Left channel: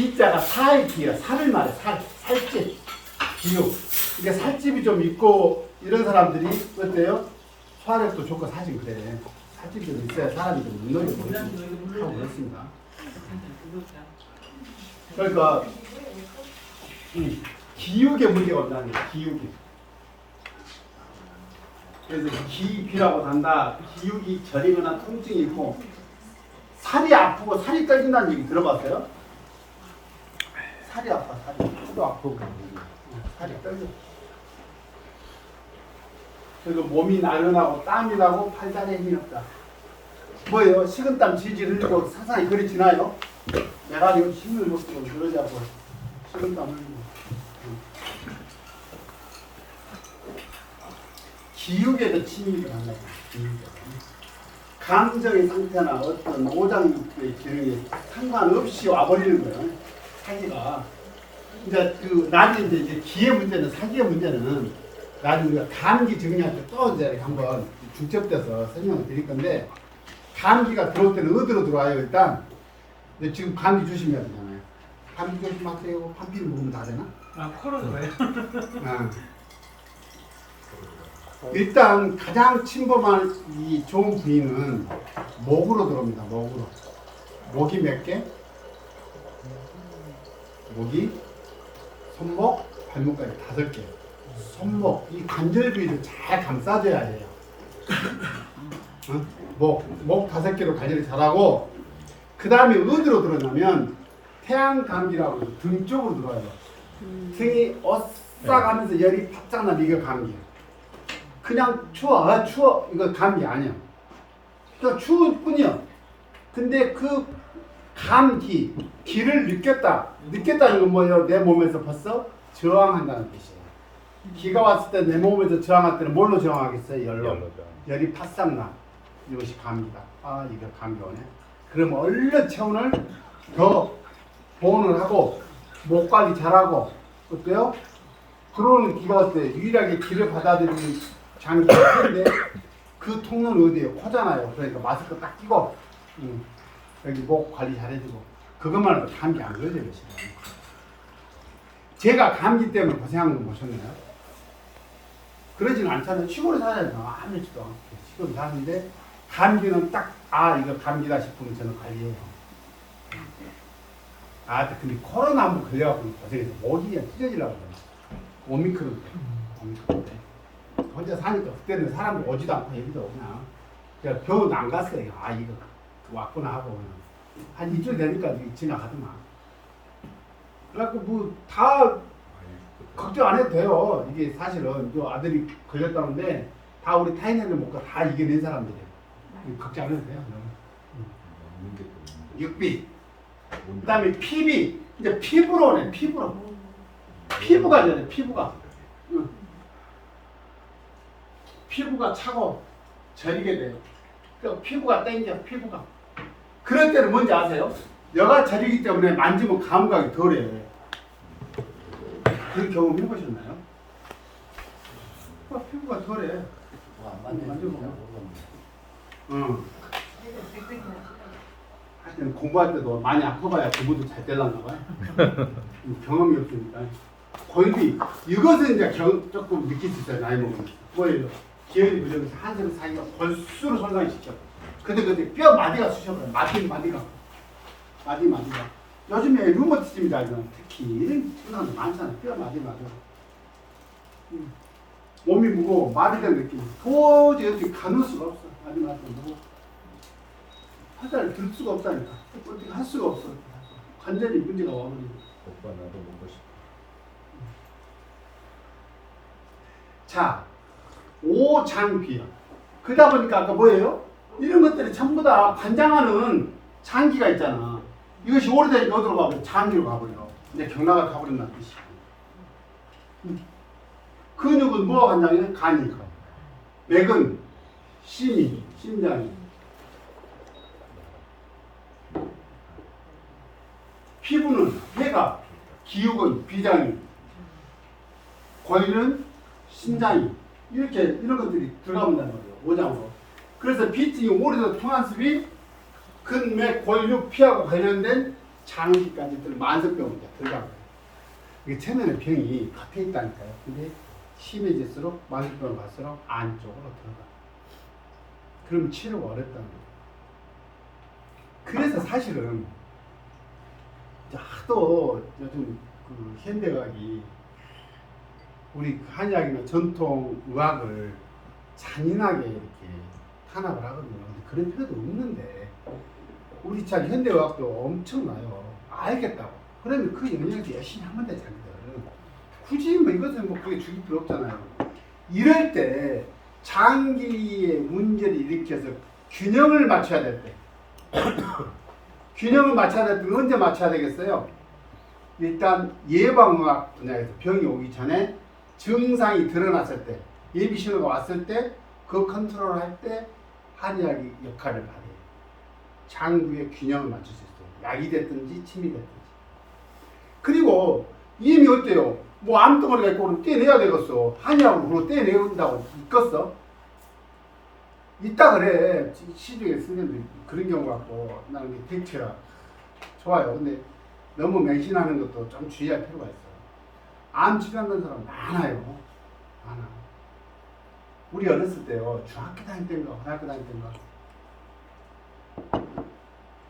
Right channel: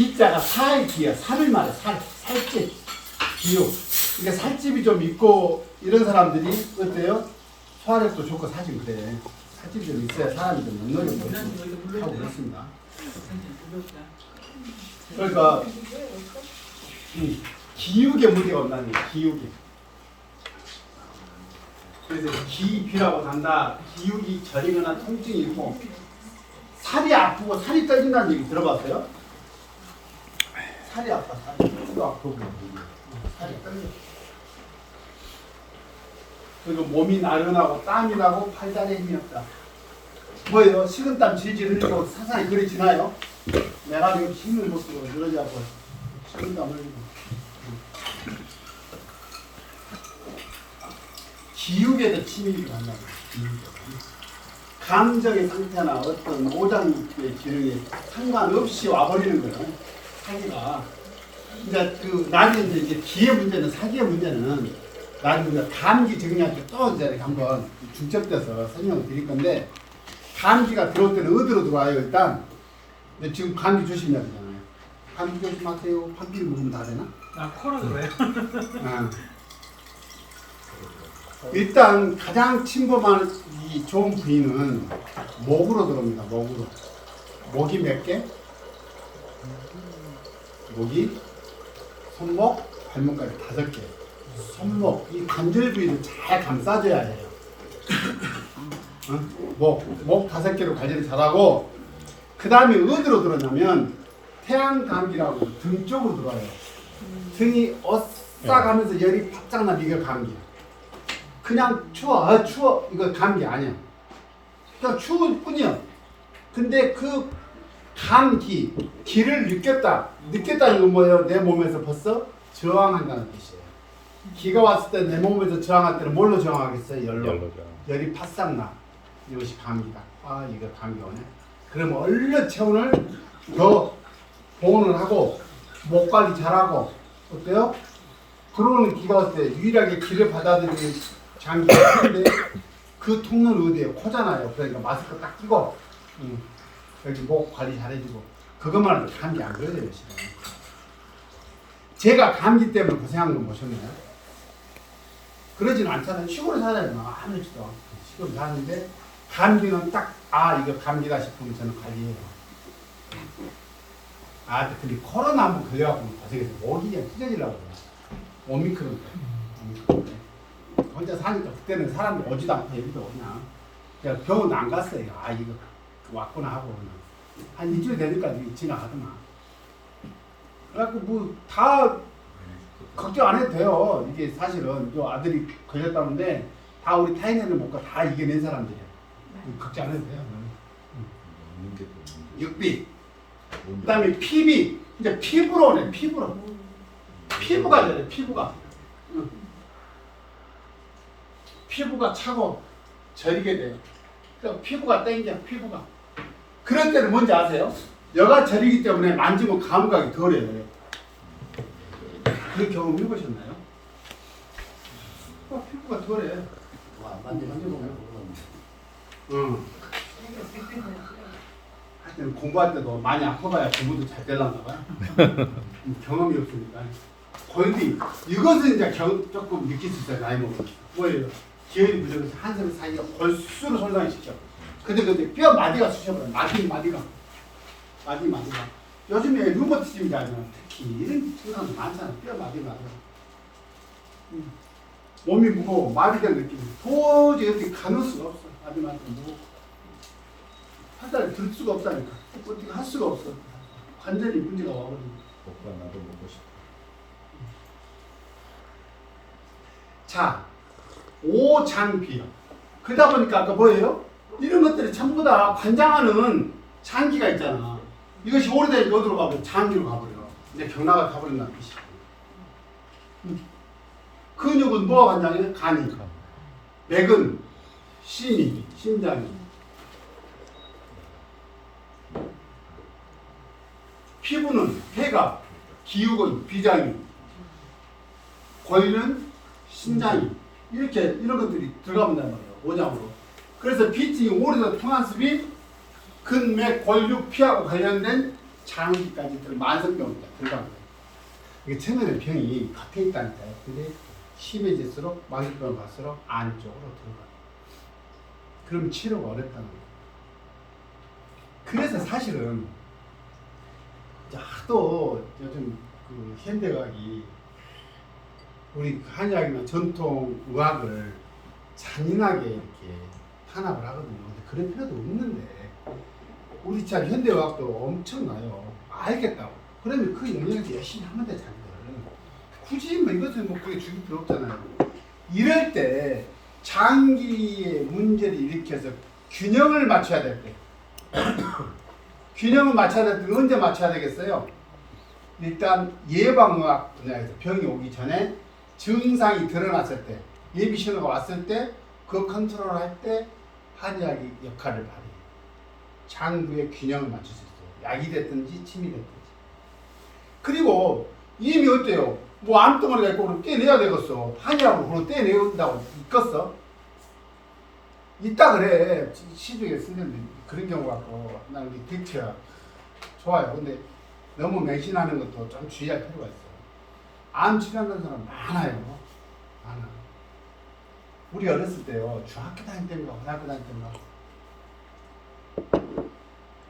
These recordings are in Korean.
기자가 사의 기야. 살을 말해. 살집. 기육. 그러니까 살집이 좀 있고 이런 사람들이 어때요? 소화력도 좋고 사실 그래. 살집이 좀 있어야 사람이 좀 능력이 보이고 하고 그렇습니다. 그러니까 기육에 문제가 온다는 거예요. 기육이. 그래서 기비라고 한다. 기육이 저리거나 통증이 있고 살이 아프고 살이 떨린다는 얘기 들어봤어요? 살이 아파. 살이 아프고 살이 떨려. 그리고 몸이 나른하고 땀이 나고 팔다리에 힘이 없다. 뭐예요? 식은땀 질질 흘리고 사상이 그리 지나요? 내가 지금 힘을 못 쓰고 그러자고 식은땀 흘리고. 기육에도 침입이 간다. 감정의 상태나 어떤 오장육부의 기능에 상관없이 와버리는 거예요. 사기가. 이제 그 나중에 이제 기의 문제는 사기의 문제는 나중에 우리가 감기 정리할 때 또 이제 한번 중첩돼서 설명을 드릴 건데 감기가 들어올 때는 어디로 들어와요 일단? 근데 지금 감기 조심해야 되잖아요. 감기 조심하세요. 감기를 먹으면 다 되나? 아 코로 그래요? 일단 가장 침범한 이 좋은 부위는 목으로 들어옵니다. 목으로. 목이 몇 개? 목이 손목, 발목까지 5개. 손목, 이 관절 부위를 잘 감싸줘야 해요. 목 5개로 관리를 잘하고 그 다음에 어디로 들어오냐면 태양감기라고 등 쪽으로 들어와요. 등이 오싹하면서 열이 바짝 나면 이게 감기예요. 그냥 추워, 추워. 이거 감기 아니야. 그냥 추울 뿐이야. 근데 그 감기, 기를 느꼈다. 느꼈다는 건 뭐예요? 내 몸에서 벌써 저항한다는 뜻이에요. 기가 왔을 때 내 몸에서 저항할 때는 뭘로 저항하겠어요? 열로. 열이 바싹 나. 이것이 감기다. 아, 이거 감기 오네. 그러면 얼른 체온을 더 보온을 하고 목 관리 잘하고 어때요? 들어오는 기가 왔을 때 유일하게 기를 받아들이는 장기가 큰데 그 통로는 어디에요? 코잖아요. 그러니까 마스크 딱 끼고 여기 목 관리 잘해주고 그것만 해도 감기 안 걸려요. 지금. 제가 감기 때문에 고생한 거 보셨나요? 그러지는 않잖아요. 시골에 살잖아요. 아무렇지도 않고 시골에 사는데 감기는 딱 이거 감기다 싶으면 저는 관리해요. 근데 코로나 한번 걸려갖고 고생해서 목이 그냥 찢어지려고 그래요. 오미크론 때. 혼자 사니까 그때는 사람들 오지도 않고 얘기도 그냥 병원 안 갔어요. 이거 왔구나 하고 그냥 한 일주일 되니까 지나가더만. 그래갖고 뭐 다 걱정 안 해도 돼요. 이게 사실은 저 아들이 걸렸다는데 다 우리 타인애를 먹고 다 이겨낸 사람들이에요. 걱정 안 해도 돼요. 육비. 그 다음에 피비. 이제 피부로 오네. 피부로. 피부가 그래. 피부가. 피부가 차고 저리게 돼요. 그러니까 피부가 땡겨. 피부가. 그럴 때는 뭔지 아세요? 여가 저리기 때문에 만지면 감각이 덜해요. 그런 경험 해보셨나요? 피부가 덜해. 만져보면. 하여튼 공부할 때도 많이 아파봐야 공부도 잘 되려나 봐. 경험이 없으니까. 골비. 이것은 이제 조금 느낄 수 있어요. 나이 먹으면. 뭐예요? 기혈이 부족해서 한살 사이가 골수로 손상시켜. 근데 뼈 마디가 쑤셔버려요. 마디가. 요즘에 루머티즘이다. 특히 이런 증상도 많잖아. 뼈 마디가. 몸이 무거워. 마비된 느낌. 도저히 어떻게 가눌 수가 없어. 마디가 무거워. 화살을 들 수가 없다니까. 어떻게 할 수가 없어. 완전히 문제가 와버리고. 오빠 나도 먹고 싶어. 자, 오장비요. 그러다 보니까 그 뭐예요? 이런 것들이 전부 다 관장하는 장기가 있잖아. 이것이 오래되니까 어디로 가버려? 장기로 가버려. 이제 경락을 가버린다는 뜻이야. 근육은 뭐가 관장해? 간이. 맥은 심이, 심장이. 피부는 폐가, 기육은 비장이, 골리는 신장이. 이렇게 이런 것들이 들어가본단 말이에요. 오장으로. 그래서 비증이 오래된 통한습이 근맥, 골육, 피하고 관련된 장기까지 만성병으로 들어간 거예요. 이게 처음에는 병이 겉에 있다니까요. 근데 심해질수록 만성병으로 갈수록 안쪽으로 들어가요. 그럼 치료가 어렵다는 거예요. 그래서 사실은 이제 하도 요즘 그 현대의학이 우리 한의학이나 전통 의학을 잔인하게 이렇게 탄압을 하거든요. 그런 필요도 없는데 우리 참 현대의학도 엄청나요. 알겠다고. 그러면 그 영역에서 열심히 하면 돼 자기들. 굳이 뭐 이것은 뭐 그게 죽일 필요 없잖아요. 이럴 때 장기의 문제를 일으켜서 균형을 맞춰야 될 때 균형을 맞춰야 될 때 언제 맞춰야 되겠어요? 일단 예방의학 분야에서 병이 오기 전에 증상이 드러났을 때 예비 신호가 왔을 때 그 컨트롤을 할 때 한의학이 역할을 발휘해요. 장부의 균형을 맞출 수 있어요. 약이 됐든지 침이 됐든지. 그리고 이미 어때요? 뭐 암덩어리가 있고 그럼 떼내야 되겠어. 한의학으로 그걸 떼내온다고 있겠어? 있다 그래. 시중에 쓰는데 그런 경우 같고 나는 덱처 좋아요. 근데 너무 맹신하는 것도 좀 주의할 필요가 있어요. 암 치료하는 사람 많아요. 많아. 우리 어렸을 때요. 중학교 다닐 때인가 고등학교 다닐 때인가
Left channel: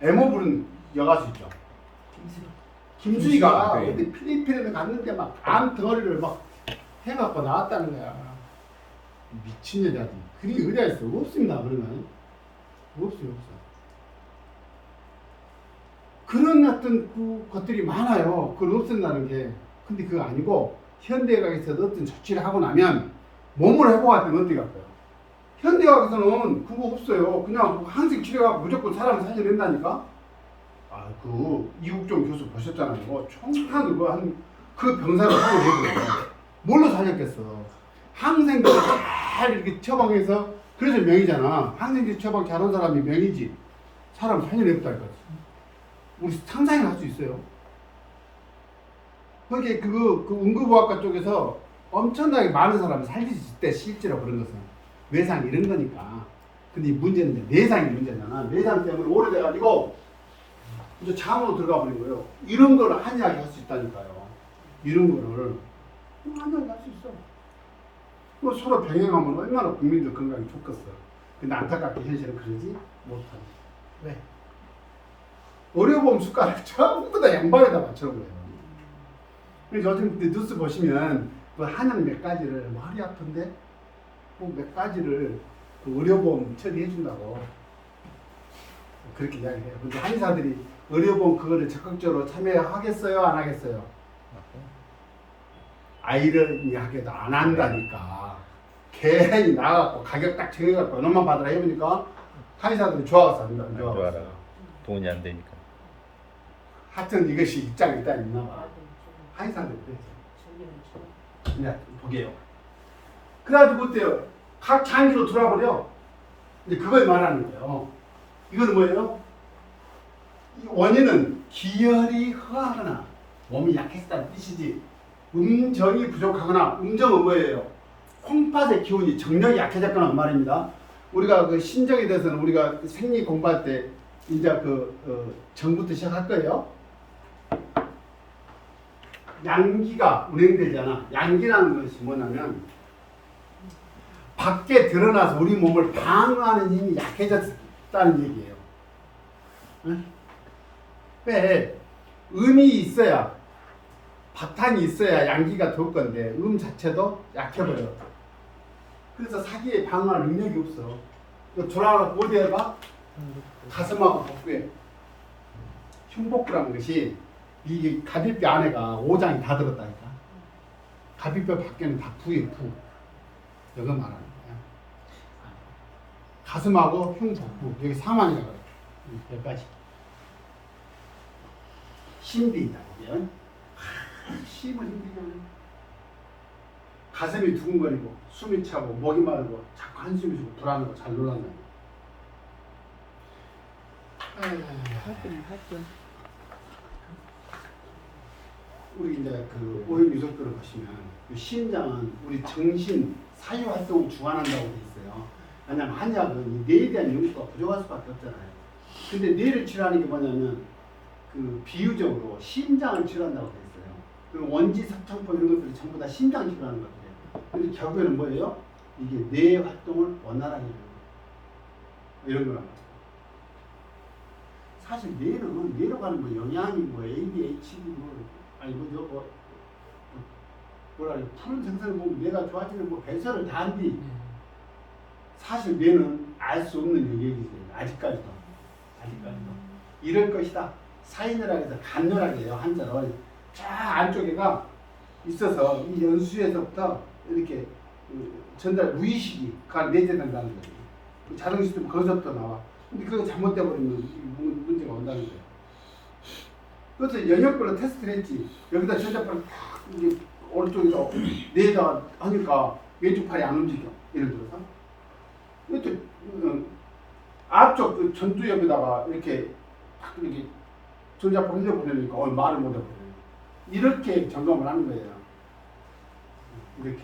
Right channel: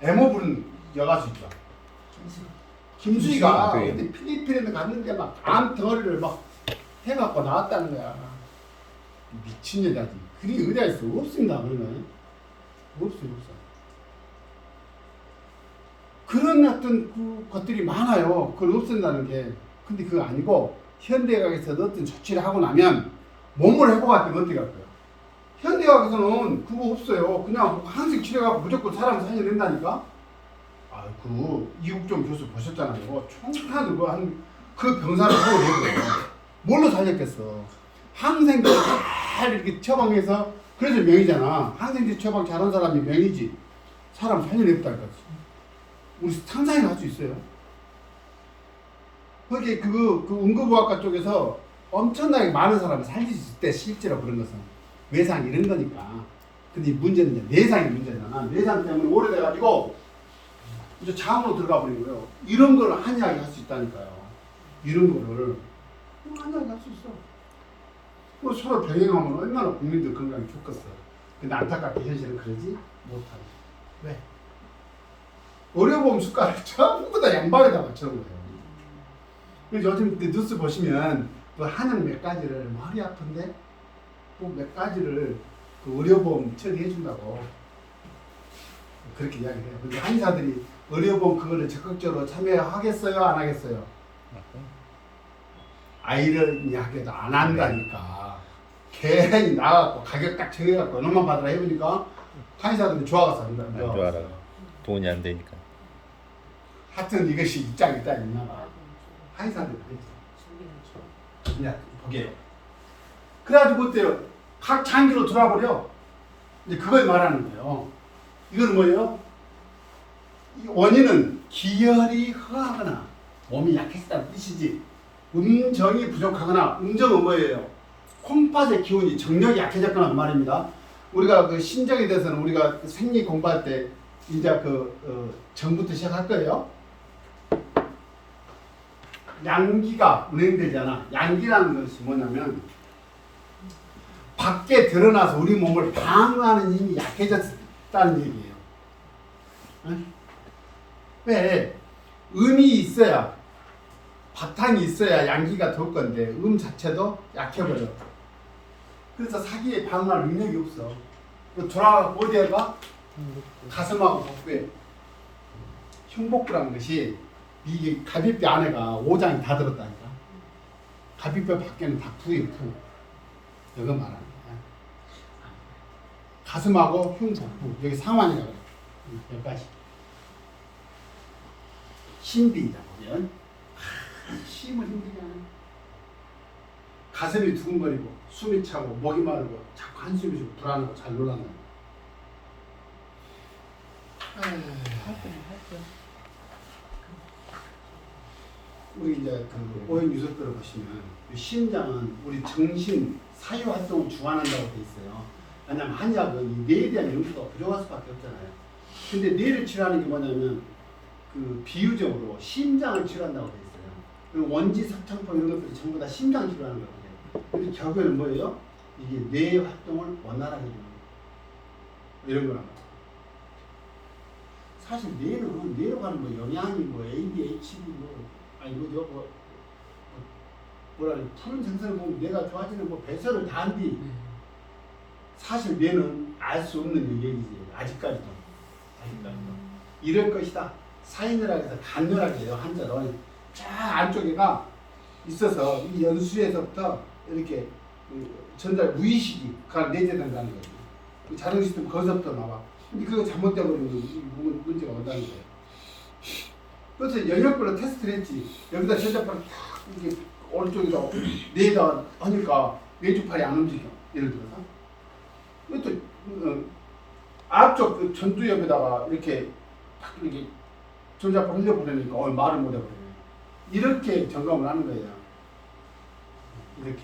애모 부른 여가수 있죠. 김수희가 근데 필리핀에 갔는데 막 암 덩어리를 막 해갖고 나왔다는 거야. 미친 여자지. 그게 어디가 있어? 없습니다. 그러면 없어요. 그런 어떤 그 것들이 많아요. 그걸 없앤다는 게. 근데 그거 아니고 현대의학에서도 어떤 조치를 하고 나면 몸을 회복할 때는 어떻게 할까요? 현대의학에서는 그거 없어요. 그냥 항생 치료하고 무조건 사람 살려낸다니까. 아, 그 이국종 교수 보셨잖아요. 총탄 그 병사를 살려내고요. 뭘로 살렸겠어? 항생제 잘 이렇게 처방해서 그래서 명이잖아. 항생제 처방 잘한 사람이 명이지. 사람 살려냈다니까. 우리 상상이나 할 수 있어요. 거기 그 응급의학과 쪽에서 엄청나게 많은 사람을 살릴 수 있을 때 실제로 그런 것은 외상 이런 거니까. 근데 문제는 이제 내상이 문제잖아. 내상 때문에 오래돼가지고 이제 장으로 들어가 버린 거예요. 이런 거를 한의학이 할 수 있다니까요. 이런 거를 한의학이 할 수 있어. 뭐 서로 병행하면 얼마나 국민들 건강이 좋겠어. 근데 안타깝게 현실은 그러지 못하고. 왜? 의료보험 수가를 전부 다 양방에다 맞추는 거예요. 그래서 요즘 뉴스 보시면 뭐 한약 몇 가지를 머리 아픈데 뭐 몇 가지를 그 의료보험 처리해 준다고 그렇게 이야기해요. 근데 한의사들이 의료보험 그거를 적극적으로 참여하겠어요, 안 하겠어요? 아이러니하게도 안 한다니까. 괜히 나가고 가격 딱 정해갖고 얼마만 받으라 해보니까 한의사들이 좋아서 한다. 돈이 안 되니까. 하여튼 이것이 입장이 있다 있나 봐. 한의사는 그래서 이제 보게요. 그래가지고 어때요? 각 장기로 돌아버려. 이제 그걸 말하는 거예요. 이건 뭐예요? 이 원인은 기혈이 허하거나 몸이 약해졌다는 뜻이지. 음정이 부족하거나 음정은 뭐예요? 콩팥의 기운이 정력이 약해졌거나 말입니다. 우리가 그 신정에 대해서는 우리가 생리 공부할 때 이제 정부터 시작할 거예요. 양기가 운행되잖아. 양기라는 것이 뭐냐면 밖에 드러나서 우리 몸을 방어하는 힘이 약해졌다는 얘기예요. 응? 왜? 음이 있어야 바탕이 있어야 양기가 돌 건데 음 자체도 약해버려. 그래서 사기에 방어할 능력이 없어. 돌아가고 어디에 가? 가슴하고 복부에. 흉복부라는 것이 이게 갈비뼈 안에가 5장이 다 들었다니까. 갈비뼈 밖에는 다 부에 부. 이거 말하는 거야. 가슴하고 흉복부 여기 상완이라고 그래. 여기까지. 신비잖아. 힘을 힘들잖아. 가슴이 두근거리고 숨이 차고 목이 마르고 자꾸 한숨이 좀 불안하고 잘 놀란다. 우리 이제 그 오염 유석들을 보시면 심장은 우리 정신 사유 활동을 주관한다고 돼 있어요. 왜냐하면 한약은 이 뇌에 대한 연구가 부족할 수밖에 없잖아요. 근데 뇌를 치료하는 게 뭐냐면 그 비유적으로 심장을 치료한다고 그랬어요. 그 원지, 석창포 이런 것들이 전부 다 심장 치료하는 거예요. 근데 결국에는 뭐예요? 이게 뇌 활동을 원활하게 해주는 거예요. 이런 거란 말이에요. 사실 뇌는 뇌로 가는 뭐 영양이 뭐 ADHD 뭐 아니 그죠 뭐라 그래 푸른 생선을 보면 뇌가 좋아지는 뭐 배설을 다 한디 사실 뇌는 알 수 없는 영역이지 아직까지도 이럴 것이다 사이느라고 해서 간녀라고 해요 한자로 쫙 안쪽에가 있어서 이 연수에서부터 이렇게 전달 무의식이 내재된다는 거예요. 그 자동 시스템 거기서부터 나와. 근데 그거 잘못돼 버리면 문제가 온다는 거예요. 그래서 영역별로 테스트를 했지. 여기다 전자파를 탁 이게 오른쪽에다 내다 하니까 왼쪽 팔이 안 움직여. 예를 들어서. 이것도 앞쪽 그 전두 옆에다가 이렇게 탁 이렇게 전자파 흘려보내니까 말을 못해 버려요. 이렇게 점검을 하는 거예요. 이렇게.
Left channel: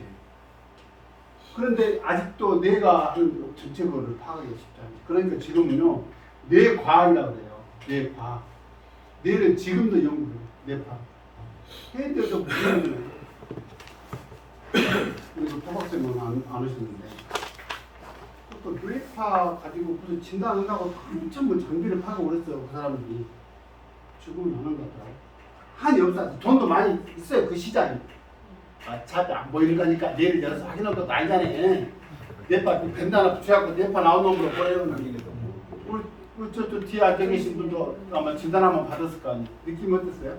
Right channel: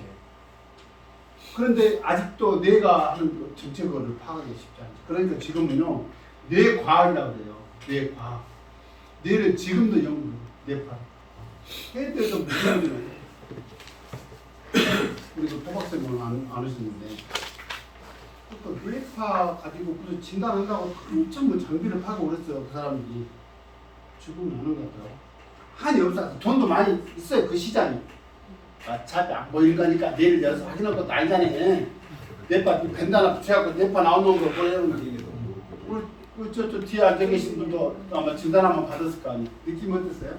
그런데 아직도 뇌가 하는 정체거를 파악하기 쉽지 않죠. 그러니까 지금은요 뇌과학이라고 해요. 뇌과학. 뇌를 지금도 연구, 뇌파학. 걔들도 무슨 우리도 토박쌤은 안 하시는데 또 뇌파학 가지고 무슨 진단한다고 엄청 뭐 장비를 파고 그랬어요. 그 사람들이 죽으면 안 하는 것 같더라고. 한 영상 돈도 많이 있어요. 그 시장이. 어차피 안 보이는 거니까 내일 여기서 확인할 것도 아니잖아요. 뇌파 벤다나 붙여갖고 뇌파 나온 놈으로 보내면 저 뒤에 앉아 계신 분도 아마 진단 한번 받았을 거 아니에요. 느낌이 어땠어요?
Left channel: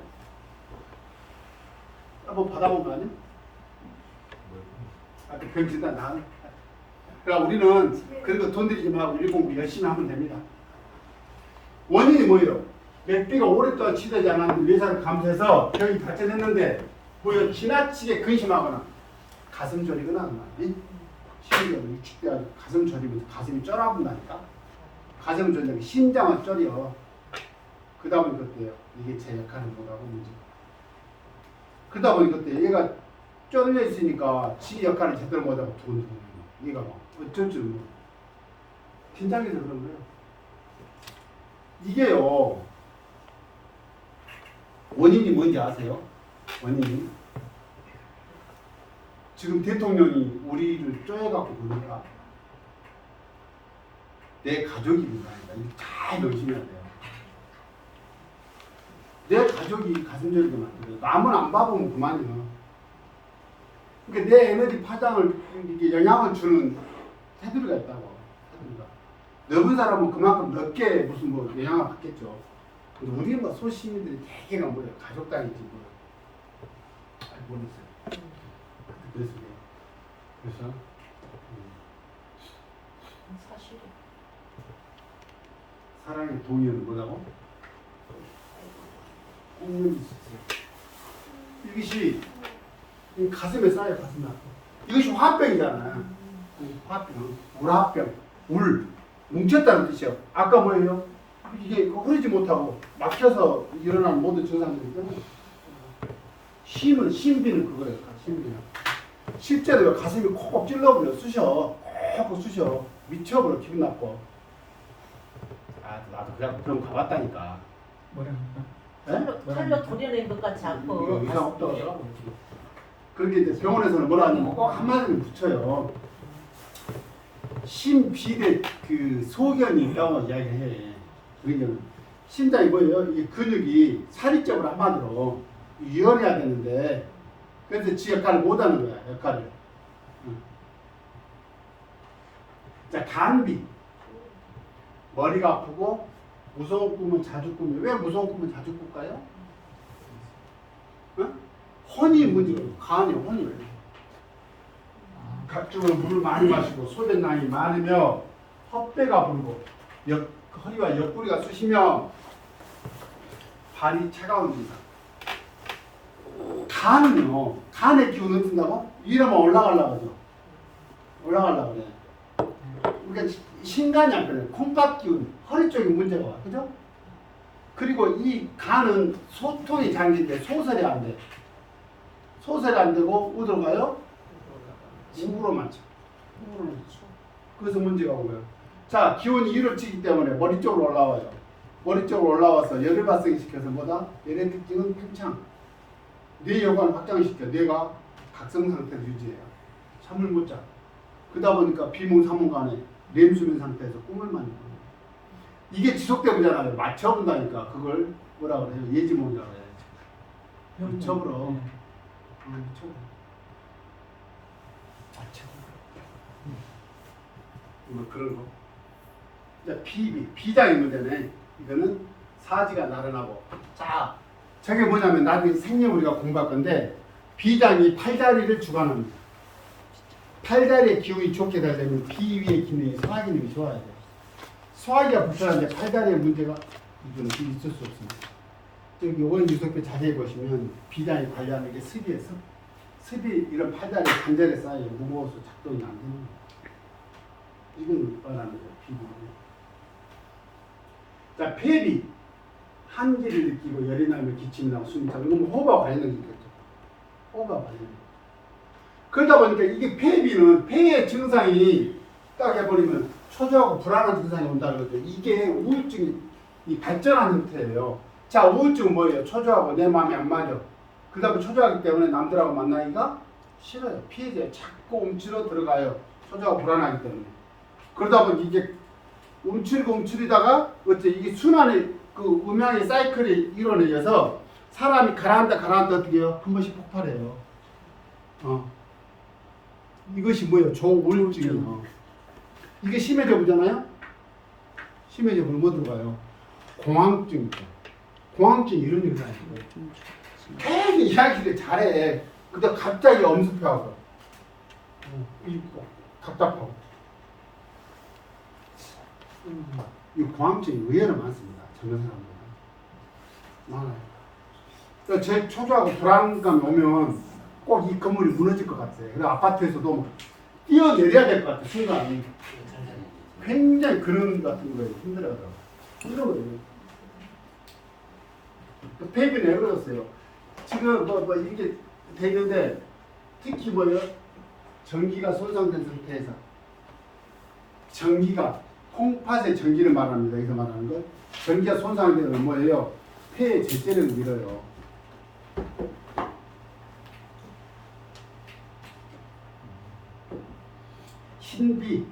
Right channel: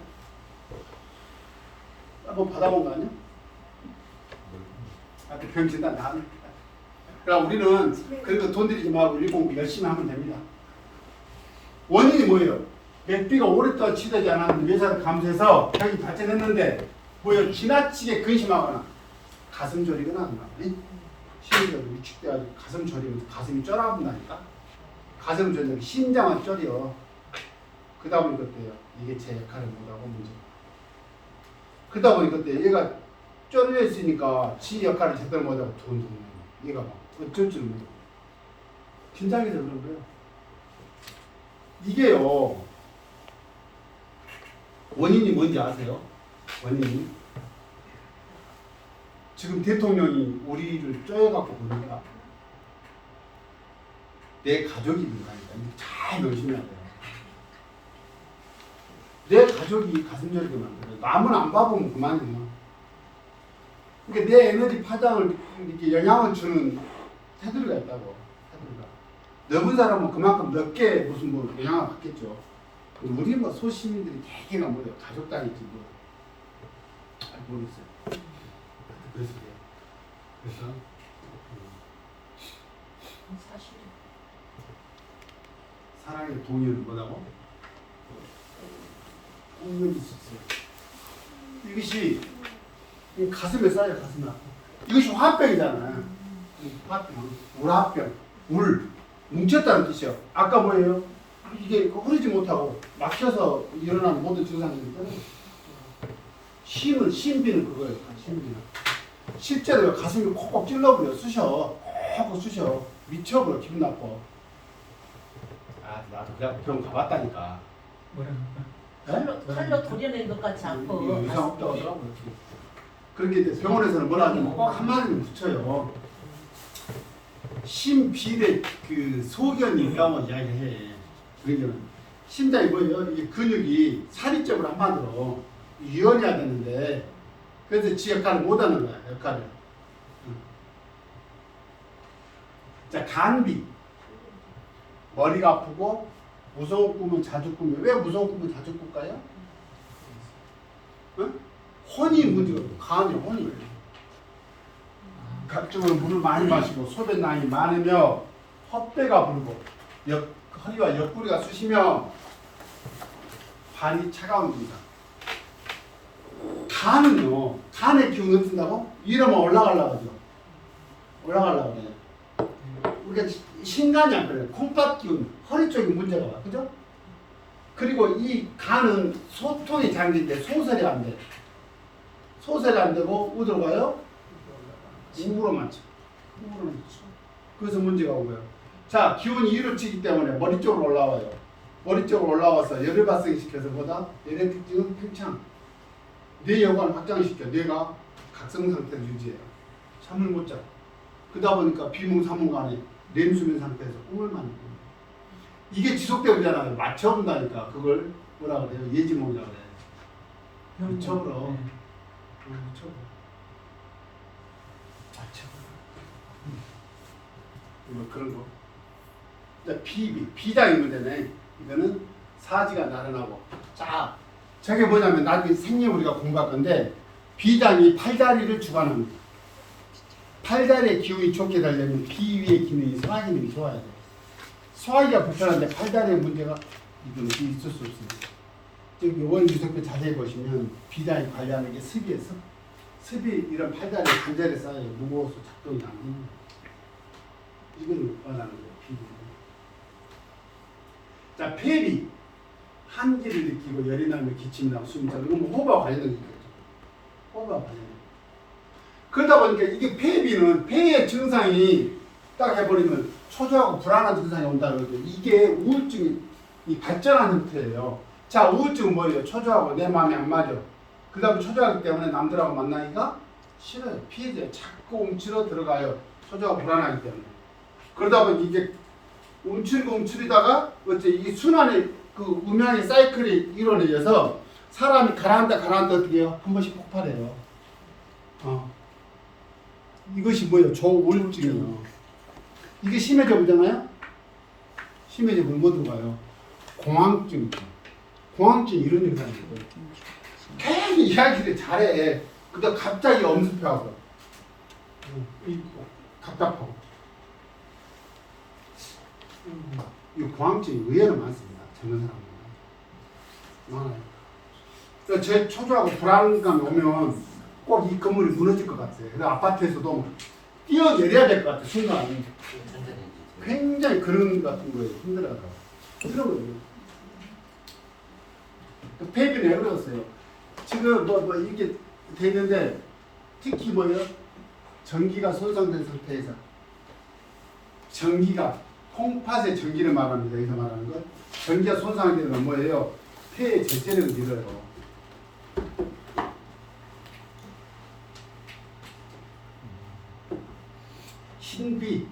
한번 받아본 거 아니에요? 병 진단 다 하는. 그러니까 우리는 그런 거 돈 들이지 말고 일 공부 열심히 하면 됩니다. 원인이 뭐예요? 맥비가 오랫동안 치료되지 않았는데 외상을 감소해서 병이 발전했는데 뭐예요? 지나치게 근심하거나 가슴 저리거나 하는 말이지. 심리적으로 위축돼가지고 가슴 저리면 가슴이 쪄나본다니까. 가슴 저리면 심장은 쪄려. 그 다음에 그때요. 이게 제 역할을 못하고 문제. 그러다 보니 그때 얘가 쪄려 있으니까 지 역할을 제대로 못하고 두근두근. 얘가 뭐 어쩔 줄 모르고. 긴장해서 그런 거예요. 이게요. 원인이 뭔지 아세요? 원인이 지금 대통령이 우리를 쪼여갖고 그러니까 내 가족이 그러니까 잘 명심해야 돼요. 내 가족이 가슴 저리게 만들어 남은 안 봐보면 그만이에요. 그러니까 내 에너지 파장을 이렇게 영향을 주는 테두리가 있다고. 테두리가 넓은 사람은 그만큼 넓게 무슨 뭐 영향을 받겠죠. 근데 우리 뭐 소시민들이 대개가 뭐예요? 가족 단위지 뭐. 모르겠어요. 그래서 사랑의 동의를 뭐라고? 능력이 있었어요. 이것이 가슴에 쌓여 가슴에 아파. 이것이 화병이잖아. 화병, 물화병, 울 뭉쳤다는 뜻이요. 아까 뭐예요? 이게 흐르지 못하고 막혀서 일어나는 모든 증상이 있잖아요. 심은 심비는 그거예요. 심비는 실제로 가슴이 콕콕 찔러버려 쑤셔 콕콕 쑤셔 미쳐버려 기분 나빠. 아 나도 그냥 병원 가봤다니까. 칼로 도려낸 것 같이 않고 이상 없다고 하더라고. 그런데 이제 병원에서는 뭐라 하냐면 꼭 한마디를 붙여요. 심비대 그 소견이 있다고 이야기해. 그러니까 심장이 뭐예요? 이게 근육이 사리적으로 한마디로 유연해야 되는데 그래서 지 역할을 못하는 거야. 역할을. 자 간비 머리가 아프고 무서운 꿈을 자주 꾸며. 왜 무서운 꿈을 자주 꿀까요? 응? 혼이 문제가 있고 간이 혼이 각종으로 물을 많이 마시고 소변량이 많으며 헛배가 불고 허리와 옆구리가 쑤시며 발이 차가워집니다. 간은요, 간의 기운을 쓴다고? 이러면 올라가려고 하죠. 올라가려고 그래. 그러니까 신간이 안 걸려요. 콩팥 기운, 허리 쪽에 문제가 와. 그죠? 그리고 이 간은 소통이 잘 되는데 소설이 안 돼. 소설이 안 되고, 어디로 가요? 입으로만 쳐. 입으로만 쳐. 그래서 문제가 오고요. 자, 기운이 1을 치기 때문에 머리 쪽으로 올라와요. 머리 쪽으로 올라와서 열을 발생시켜서 뭐다? 열의 특징은 팽창. 뇌 여관을 확장시켜 뇌가 각성 상태를 유지해요. 잠을 못 자. 그러다 보니까 비몽사몽간에 뇌수면 상태에서 꿈을 많이 꿔요. 이게 지속되고 있잖아요. 맞춰본다니까. 그걸 뭐라 그래요? 예지몽이라고 해요. 미쳐버려. 미쳐버려. 뭐 그런 거. 비장이 문제네. 이거는 사지가 나른하고. 자, 저게 뭐냐면 나중에 생명 우리가 공부할 건데 비장이 팔다리를 주관합니다. 팔다리의 기운이 좋게 되려면 비 위의 기능이 소화 기능이 좋아야 돼. 소화기가 불편한데 팔다리의 문제가 이건 있을 수 없습니다. 여기 오행 유속표 자세히 보시면 비장이 관리하는 게 습이에서 습이 이런 팔다리 관절에 쌓여 누워서 작동이 안 됩니다. 이건 말하는 거예요. 비비. 자, 폐비 한기를 느끼고 열이 나면 기침이 나고 숨이 차고 이건 호흡과 관련된 게 있겠죠. 호흡과 관련된. 그러다 보니까 이게 폐비는 폐의 증상이 딱 해버리면 초조하고 불안한 증상이 온다는 거죠. 이게 우울증이 발전한 형태예요. 자, 우울증은 뭐예요? 초조하고 내 마음이 안 맞아. 그 다음에 초조하기 때문에 남들하고 만나기가 싫어요. 피해자에 자꾸 움츠러 들어가요. 초조하고 불안하기 때문에. 그러다 보니 이게 움츠리다가 어째 이 순환의 그 음양의 사이클이 이루어져서 사람이 가라앉다 어떻게 해요? 한 번씩 폭발해요. 이것이 뭐예요? 조우울증이에요. 이게 심해져 보잖아요? 심해져 보면 뭐 들어가요? 공황증. 공황증 이런 증상이에요. 계속 이야기를 잘해. 근데 갑자기 엄습하고 답답하고. 이 공황증이 의외로 많습니다. 젊은 사람들 많아요. 제일 초조하고 불안감 오면 꼭 이 건물이 무너질 것 같아요. 그 아파트에서도 뛰어내려야 될 것 같아요. 순간 굉장히 그런 같은 거예요. 힘들어하더라고요. 이런 거예요. 폐비는 어려웠어요. 지금 뭐 이게 되는데 특히 뭐예요? 전기가 손상된 상태에서 전기가 콩팥의 전기를 말합니다. 여기서 말하는 거. 전기가 손상되면 뭐예요? 폐의 제재력을 밀어요. 신비,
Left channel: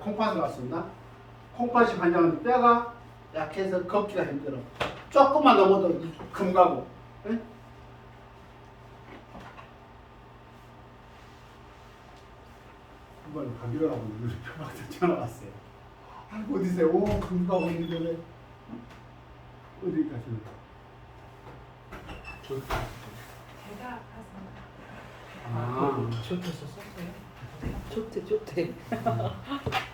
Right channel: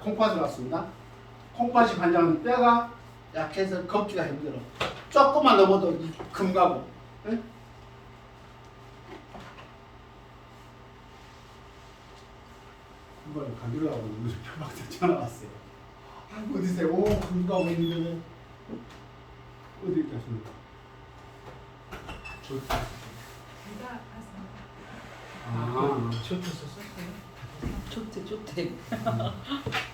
콩팥을 왔습니다. 콩팥이 관장은 뼈가 약해서 걷기가 힘들어. 조금만 넘어도 금 가고. 네? 한번 가기로 하고 있는데 표방한테 전화 왔어요. 아이고 어디세요? 오, 금 가고 있는데 어디 가십니까? 배가 아파서. 아, 좋대.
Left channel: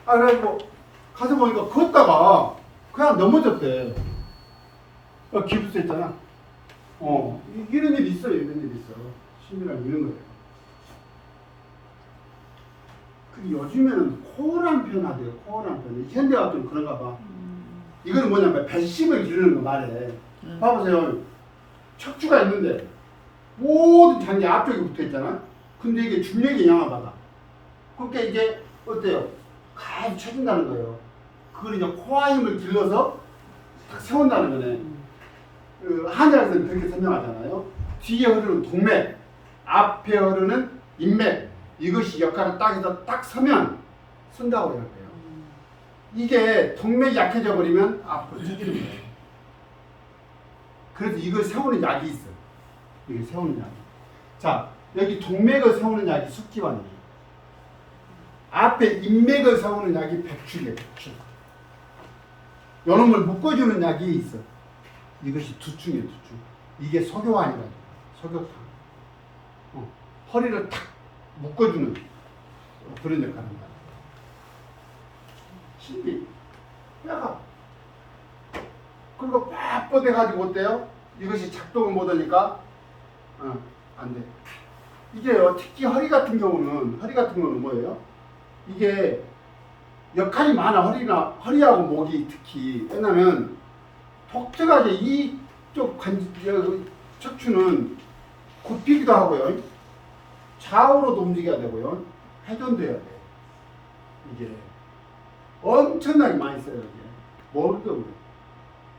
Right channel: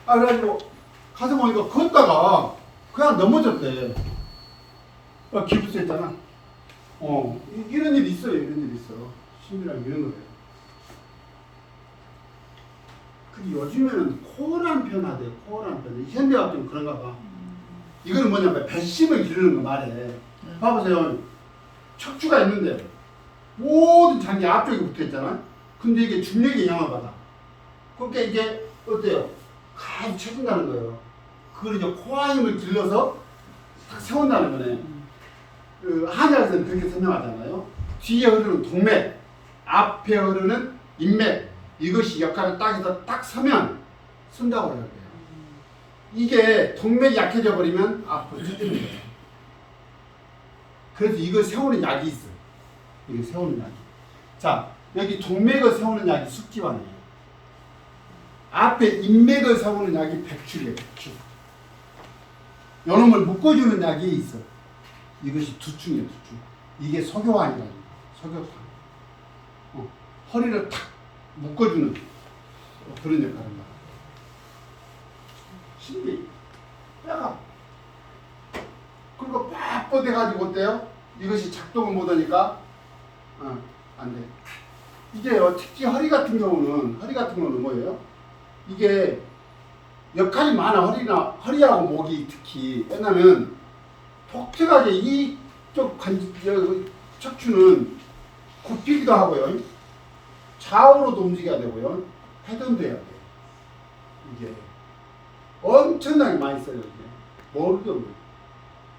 그래가지고 가서 보니까 걷다가 그냥 넘어졌대. 기부세 있잖아. 이런 일 있어요. 이런 일 있어. 심이랑 이런 거예요. 근데 요즘에는 코어란 변화돼요. 코어란 변화. 현대가 좀 그런가 봐. 이거는 뭐냐면 배심을 기르는 거 말해. 봐보세요. 척추가 있는데 모든 장기 앞쪽에 붙어 있잖아. 근데 이게 중력에 영향을 받아. 그러니까 이게 어때요? 가만히 쳐진다는 거예요. 그걸 이제 코어 힘을 길러서 딱 세운다는 거네. 한자에서는 그렇게 설명하잖아요. 뒤에 흐르는 동맥, 앞에 흐르는 인맥, 이것이 역할을 딱 해서 딱 서면 쓴다고 해요. 이게 동맥이 약해져 버리면 앞으로 쳐지는 거예요. 그래서 이걸 세우는 약이 있어. 이게 세우는 약이. 자, 여기 동맥을 세우는 약이 숙지환이에요. 앞에 인맥을 세우는 약이 백축이에요. 백축. 요놈을 묶어주는 약이 있어. 이것이 두충이에요. 두충. 이게 소교환이라고. 소교탕. 허리를 탁 묶어주는 그런 역할을 합니다. 신비. 뼈가. 그리고 꽉 뻗어가지고 어때요? 이것이 작동을 못하니까 안 돼. 이게요, 특히 허리 같은 경우는 뭐예요? 이게 역할이 많아. 허리하고 목이 특히. 왜냐면 독특하게 이쪽 척추는 굽히기도 하고요. 좌우로도 움직여야 되고요. 회전도 해야 돼요. 이게 엄청나게 많이 써요. 이게. 머리도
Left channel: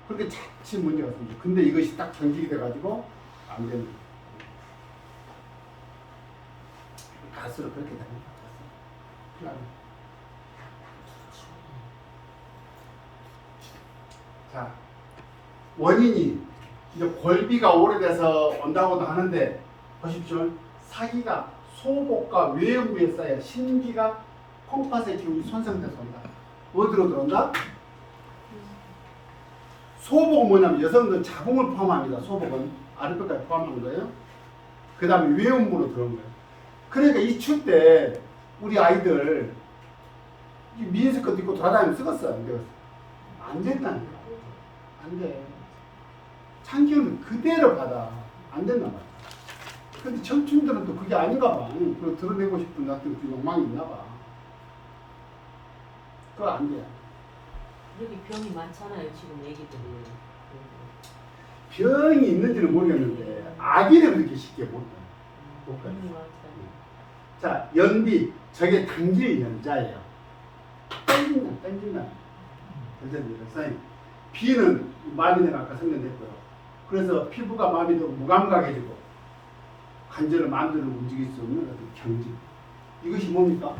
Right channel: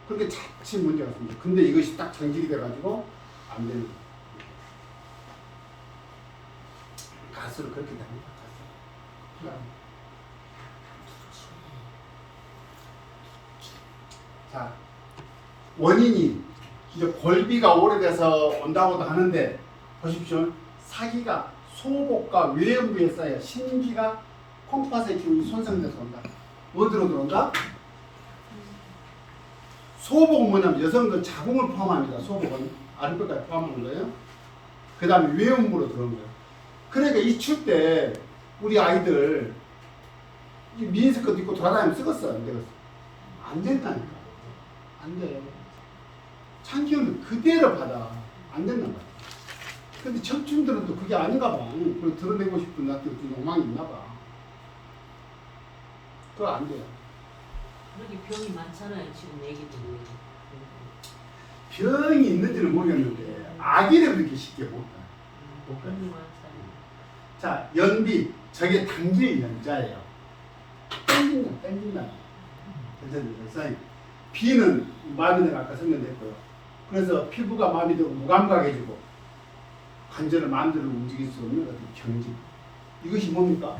그렇게 자칫 문제가 생겨. 근데 이것이 딱 정직이 돼가지고 안 되는 거예요. 가수를 그렇게 다닙니다. 가수. 자, 원인이 이제 골비가 오래돼서 온다고도 하는데 보십시오. 사기가 소복과 외음부에 쌓여 신기가 콩팥의 기운이 손상돼서 온다. 어디로 들어온다? 소복은 뭐냐면 여성들 자궁을 포함합니다. 소복은 아랫배까지 포함하는 거예요. 그 다음에 외음부로 들어오는 거예요. 그러니까 이출 때 우리 아이들 미니스커트 입고 돌아다니면 쓰겠어? 안 되겠어? 안 된다니까. 안 돼. 찬기운은 그대로 받아. 안 된단 말이야. 근데 청춘들은 또 그게 아닌가 봐. 그걸 드러내고 싶은 나한테 욕망이 있나 봐. 그거 안 돼. 그렇게 병이 많잖아요 지금 애기들이. 병이 있는지는 모르겠는데 아기를 그렇게 쉽게 못 가. 병이 많잖아요. 자, 연비. 저게 당길 연자예요. 땡긴다. 그래서 비는 마비는 아까 설명했고요. 그래서 피부가 마비되고 무감각해지고 관절을 마음대로 움직일 수 없는 어떤 경직. 이것이 뭡니까?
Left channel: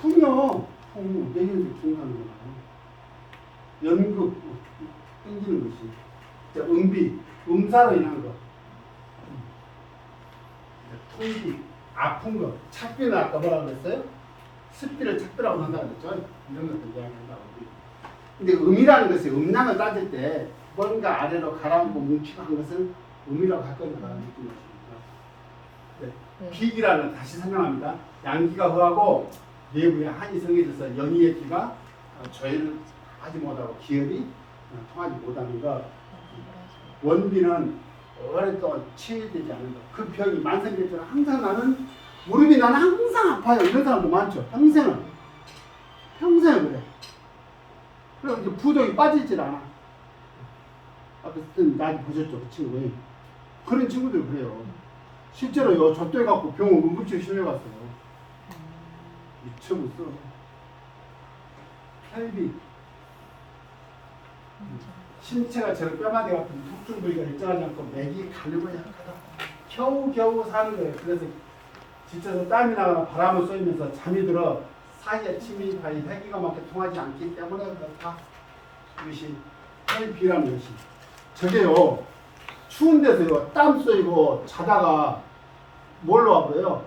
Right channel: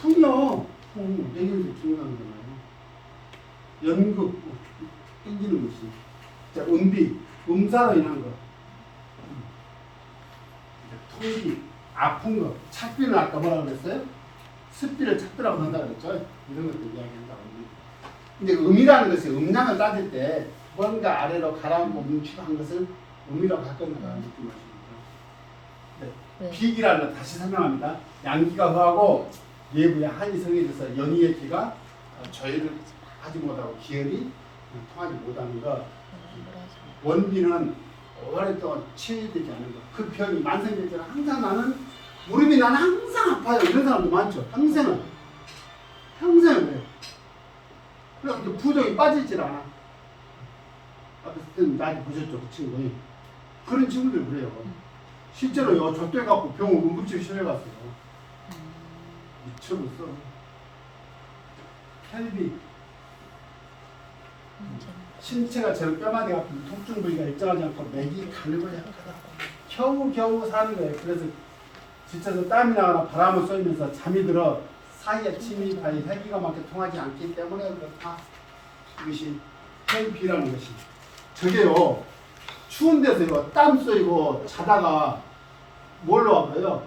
풍요. 내년에 중요한 거잖아요. 연극, 땡기는 것이. 자, 음비, 음사로 인한 거. 통비, 아픈 거. 착비는 아까 뭐라 그랬어요? 습비를 착비라고 한다고 그랬죠? 이런 것들 이야기한다고. 근데 음이라는 것은 음량을 따질 때 뭔가 아래로 가라앉고 뭉치고 한 것을 음이라고 할 거니까 느낌이 네. 비기라는 건 다시 설명합니다. 양기가 허하고 내부에 한이 성해져서 연이의 기가 조율을 하지 못하고 기혈이 통하지 못하는 것. 원비는 오랫동안 치유되지 않는 것. 그 병이 만성될 때는 항상 나는 무릎이 나는 항상 아파요. 이런 사람도 많죠. 평생을 그래. 그래서 부종이 빠지질 않아. 아까 많이 보셨죠, 그 친구. 그런 친구들 그래요. 실제로요, 접대해갖고 병원 응급실 심해갔어요. 미쳐버렸어. 혈비. 신체가 저런 뼈마디 같은 통증 부위가 일정하지 않고 맥이 가늘고 약하다. 겨우 사는 거예요. 그래서 지쳐서 땀이 나거나 바람을 쏘면서 잠이 들어 사이에 침이 가히 혈기가 맞게 통하지 않기 때문에 그렇다. 이것이 혈비라는 것이. 저게요, 추운 데서요, 땀 쏘이고 자다가 뭘로 와봐요?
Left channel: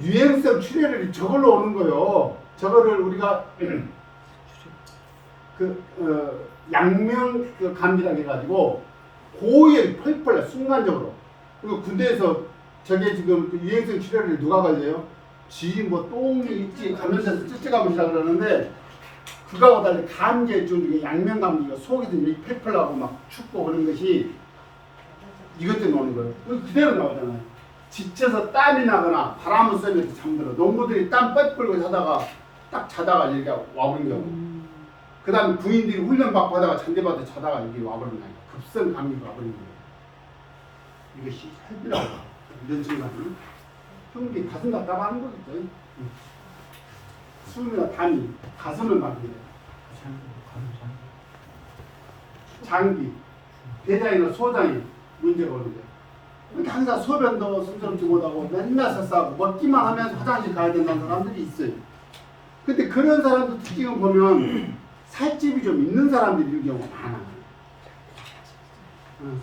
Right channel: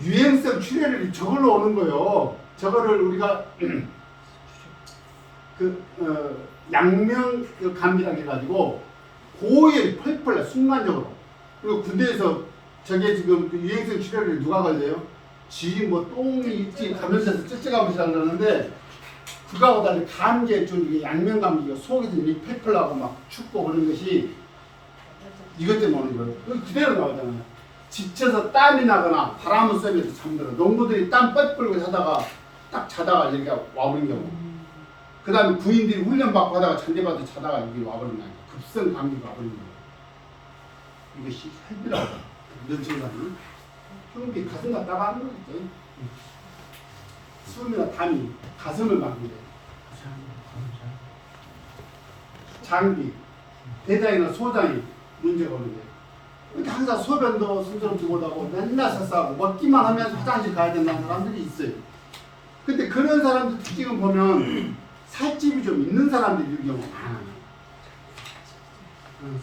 유행성 출혈이 저걸로 오는 거예요. 저거를 우리가 양명 감기라고 해가지고 고열이 펄펄 순간적으로. 그리고 군대에서 저게 지금 유행성 출혈을 누가 걸려요? 쥐 뭐 똥이 있지 가면서 찔찔가면서 그러는데 그거하고 달리 감기증 중에 양명 감기가 속에서 이렇게 펄펄하고 막 춥고 그런 것이 이것 때문에 오는 거예요. 그대로 나오잖아요. 지쳐서 땀이 나거나 바람을 쐬면서 잠들어. 농부들이 땀 뻘뻘고 자다가 이렇게 와버린 거고. 그 다음에 부인들이 훈련받고 하다가 잔디밭에 자다가 여기 와버린 거예요. 급성 감기가 와버린 거예요. 이것이 혈비라고. 이런 증상이 흉비 가슴 갖다가 하는 거겠죠. 숨이나 담이 가슴을 만들어요. 장기, 대장이나 소장이 문제가 오는 거예요. 근데 항상 소변도 순조롭지 못하고 맨날 설사하고 먹기만 하면 화장실 가야 된다는 사람들이 있어요. 근데 그런 사람들 특징을 보면 살집이 좀 있는 사람들이 이런 경우가 많아요.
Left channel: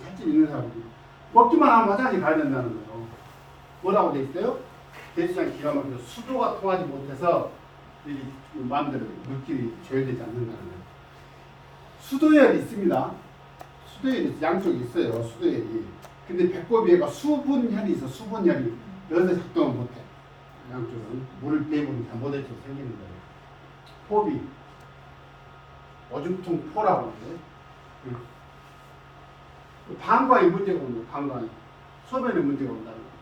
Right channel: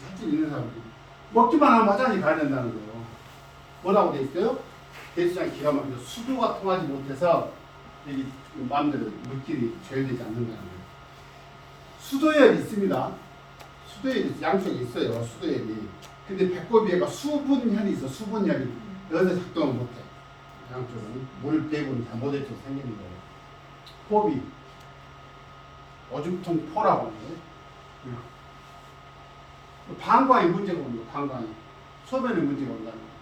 살집 있는 사람들이. 먹기만 하면 화장실 가야 된다는 거예요. 뭐라고 돼 있어요? 대수장 기가 막혀 수도가 통하지 못해서 여기 마음대로 물질이 조율되지 않는다는 거예요. 수도열이 있습니다. 수도열이 양쪽에 있어요. 수도열이. 근데 배꼽위에가 수분혈이 있어. 수분혈이. 여기서 작동을 못해. 양쪽은 물 배분이 잘못해서 생기는 거예요. 포비. 오줌통 포라고 하는데 방광이 문제가 오는 거예요. 방광이. 소변에 문제가 온다는 거예요.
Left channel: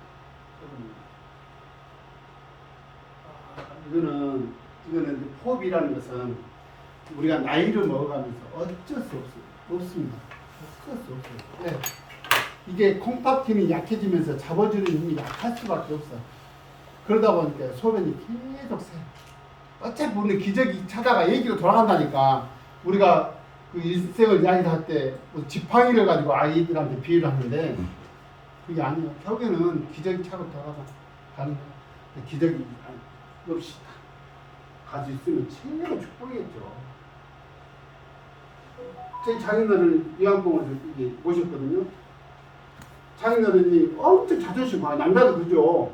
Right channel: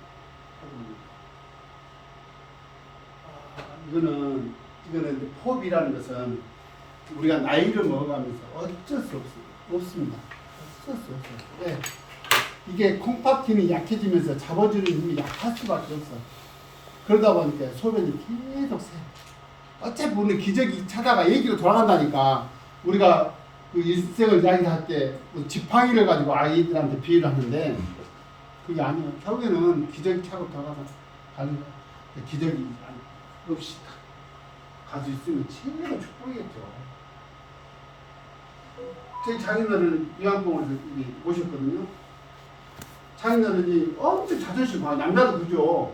이거는 포비라는 것은 우리가 나이를 먹어가면서 어쩔 수 없습니다. 어쩔 수 없어요. 네. 이게 콩팥힘이 약해지면서 잡아주는 힘이 약할 수밖에 없어. 그러다 보니까 소변이 계속 새요. 어차피 우리는 기저귀 찾아가 얘기로 돌아간다니까. 우리가 그 일생을 이야기할 때뭐 지팡이를 가지고 아이들한테 비유를 하는데 그게 아니에요. 결국에는 기저귀 차고 들어가서 가는 거야. 기저귀 없이 갈 수 있으면 진짜 축복이겠죠. 제 자기들은 요양병원에서 오셨거든요. 자기들은 엄청 자존심 강해. 남자도 그죠.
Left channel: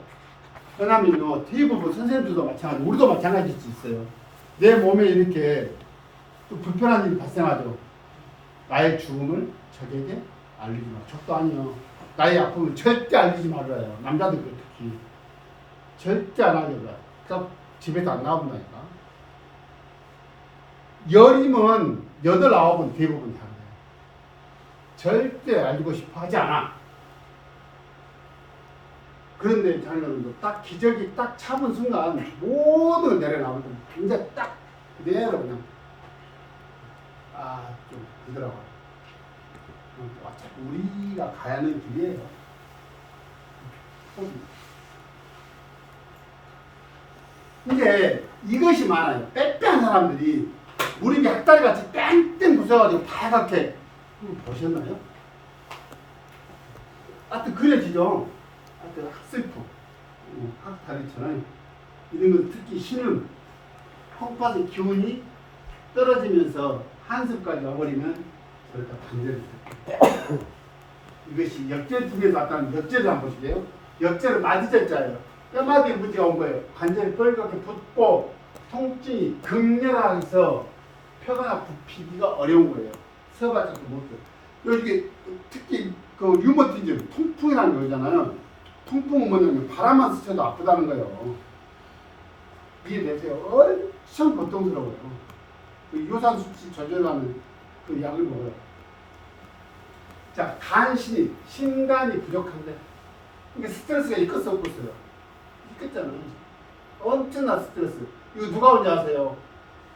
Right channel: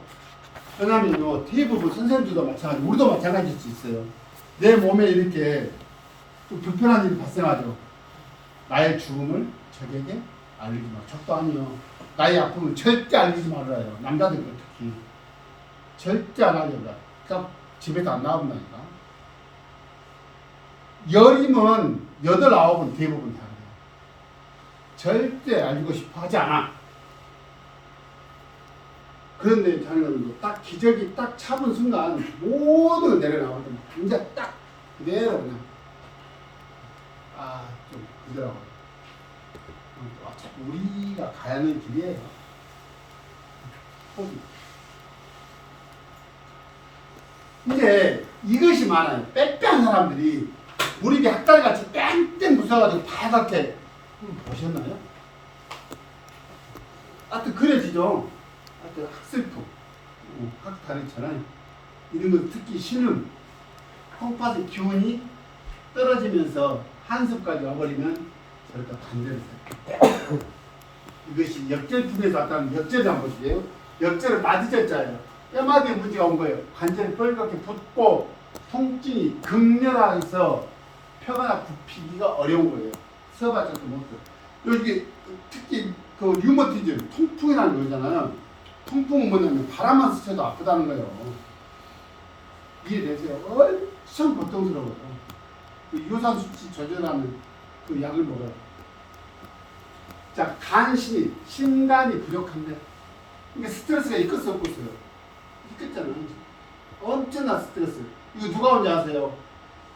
왜냐면요, 대부분 선생님들도 마찬가지고 우리도 마찬가지일 수 있어요. 내 몸에 이렇게 좀 불편한 일이 발생하죠. 나의 죽음을 적에게 알리지 마. 적도 아니요. 나의 아픔을 절대 알리지 말아요. 남자들 특히 절대 안 하려고. 그러니까 집에서 안 나온다니까. 열이면 8, 9은 대부분 다 그래요. 절대 알고 싶어 하지 않아. 그런데 자녀들도 딱 기저귀 딱 잡은 순간 모든 걸 내려나오거든. 이제 딱 그대로 그냥 좀 그대로 어차피 우리가 가야 하는 길이에요. 이제 이것이 많아요. 빼빼한 사람들이 우리 입에 학다리 같이 뺑뺑 부숴가지고 파랗게 보셨나요? 하여튼 그려지죠. 하여튼 학슬프, 학다리처럼 이런 거 특히 신음, 콩팥의 기운이 떨어지면서 한숨까지 와버리면 저렇게 반대해서 이것이 역절풍에서 왔다는 역절을 한번 보실게요. 역절은 마디절자예요. 뼈마디에 문제가 온 거예요. 관절이 뻘겋게 붓고 통증이 극렬해서 펴거나 굽히기가 어려운 거예요. 서봐서도 못해. 여기 특히 그 류머티즘, 통풍이라는 거잖아요. 통풍은 뭐냐면 바람만 스쳐도 아프다는 거예요. 이해되세요? 엄청 고통스러워요. 그 요산 수치 조절하는 그 약을 먹어요. 자, 간신이, 신간이 부족한데 이게 스트레스가 있을 수 없겠어요. 있겠잖아요. 엄청난 스트레스. 이거 누가 온지 아세요?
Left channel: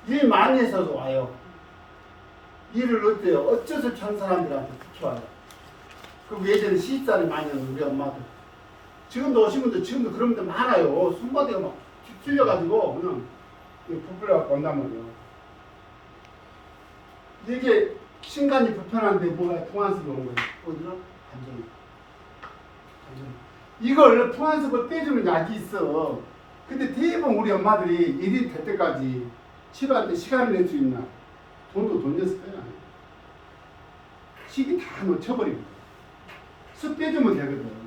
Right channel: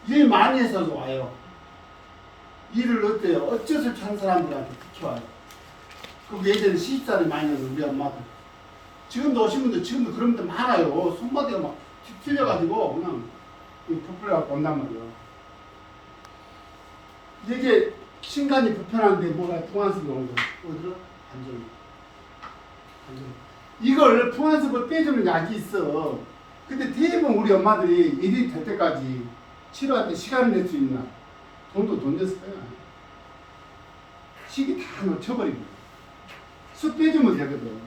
일 많이 해서도 와요. 일을 어때요? 어쩔 수 없이 한 사람들한테 특히 와요. 그 예전에 시집살이 많이 하는 우리 엄마들. 지금도 오신 분들 지금도 그런 분들 많아요. 손바닥가 막 찔려가지고 그냥 부풀려갖고 온단 말이에요. 이게 신간이 불편한데 뭐가 풍한습이 온 거예요. 어디로? 안정. 이걸 풍한습을 빼주는 약이 있어. 근데 대부분 우리 엄마들이 일이 될 때까지 치료할 때 시간을 낼 수 있나? 돈도 돈 내서 빼냐. 시기 다 놓쳐버리고 습 빼주면 되거든.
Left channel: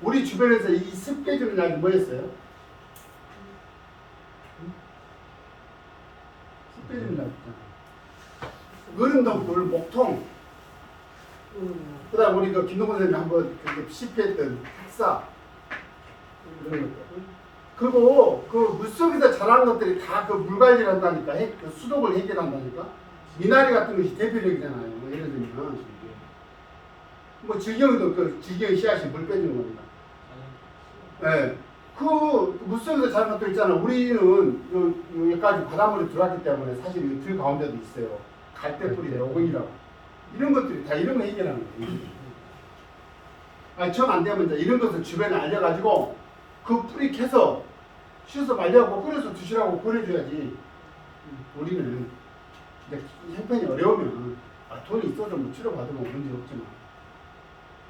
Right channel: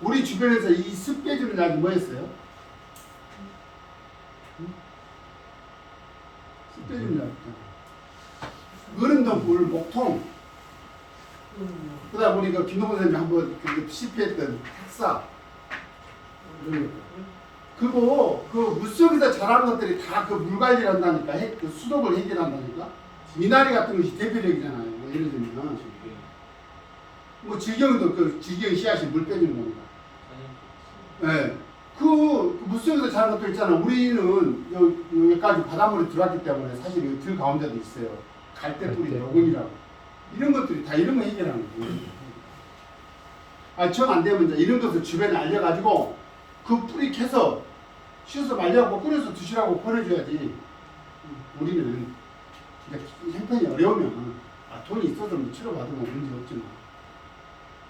우리 주변에서 이 습 빼주는 약이 뭐였어요? 습 빼주는 약 있잖아. 어른동물 목통. 그 다음 우리 그 김동건 선생님이 한번 그 실패했던 학사 이런 것들. 그리고 그 물속에서 자라는 것들이 다 그 물관리를 한다니까, 그 수독을 해결한다니까. 미나리 같은 것이 대표적이잖아요. 예를 들면 뭐 질경도 그 질경 씨앗이 물 빼주는 겁니다. 네. 그 물속에서 자라는 것도 있잖아. 우리는 여기까지 바닷물이 들어왔기 때문에 사실 들 가운데도 있어요. 갈대뿌리 노근이라고. 이런 것들이 다 이런 거 해결하는 거예요. 아니, 정 안 되면 이제 이런 것을 주변에 알려가지고 그 뿌리 캐서 씻어서 말려갖고 끓여서 드시라고 보내줘야지. 우리는 근데 형편이 어려우면 돈이 있어도 뭐 치료받으면 문제 없지만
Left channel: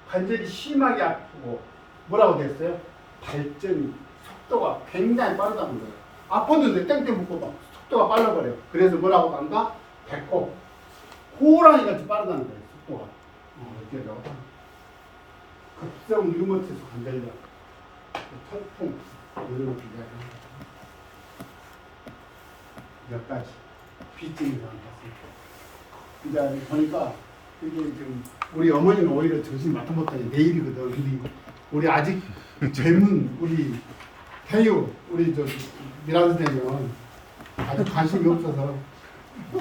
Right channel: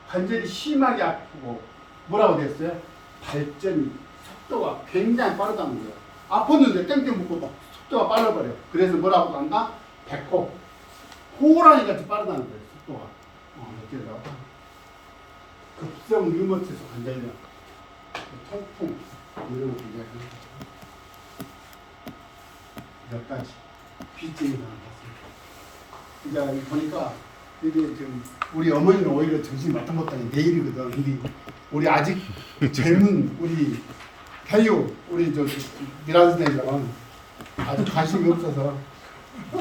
관절이 심하게 아프고 뭐라고 됐어요? 발전이 속도가 굉장히 빠르다는 거예요. 아팠는데 땡땡 묶고 막 속도가 빨라버려요. 그래서 뭐라고 한다? 배꼽 호랑이 같이 빠르다는 거예요. 속도가. 이렇게 나와. 급성 류머티스 관절염, 통풍 이런 것들 몇 가지 빚쟁이가 봤습니다. 이제 보니까 이게 지금 우리 어머니는 오히려 정신 맡아 못하니 내일이거든. 우리 아직 젊은 우리 태유 우리 저 미란 선생님은 아주 관심이 없어서